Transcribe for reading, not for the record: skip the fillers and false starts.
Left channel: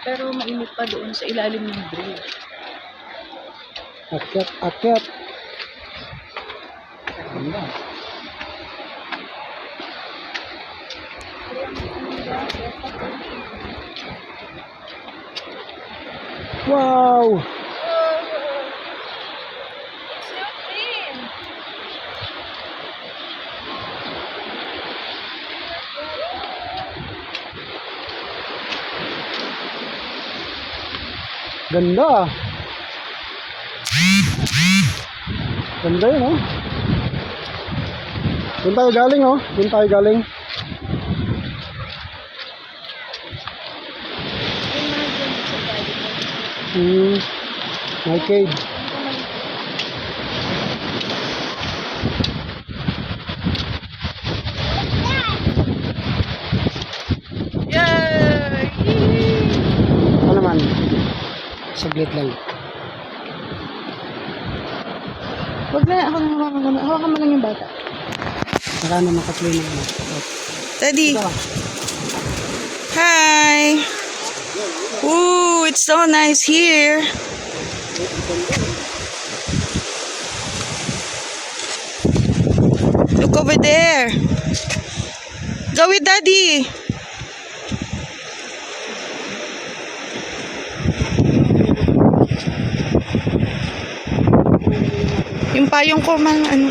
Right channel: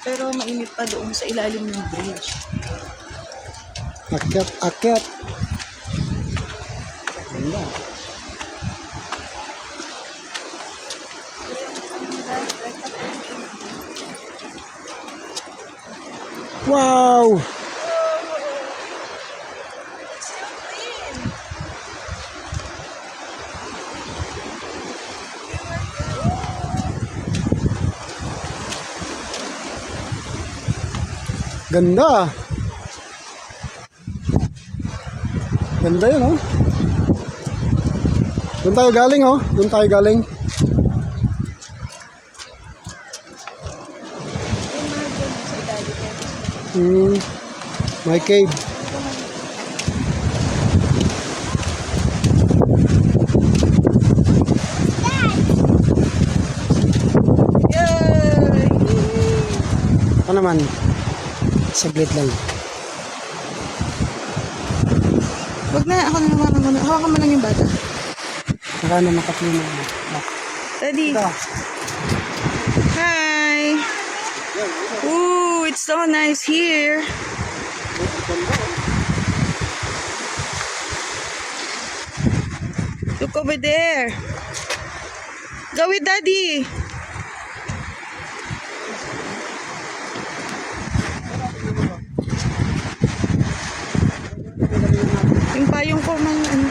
Pero mainit pa doon sa ilalim ng bridge. Akyat, akyat. Ganda. Wow! It's still clean. Ganda. Ganda yun, oh. Doon tayo galing, oh. Doon tayo galing. My cave. Yay! Ano naman? Saglit lang. Wag na, ako na hawakan mo. Hawakan mo lang yung bata. Saka na makaklina mo. Daddy. Ito. Hi! Ooh, it's so nice here. Look over there. Go with Daddy. Yung payong ko mang ano.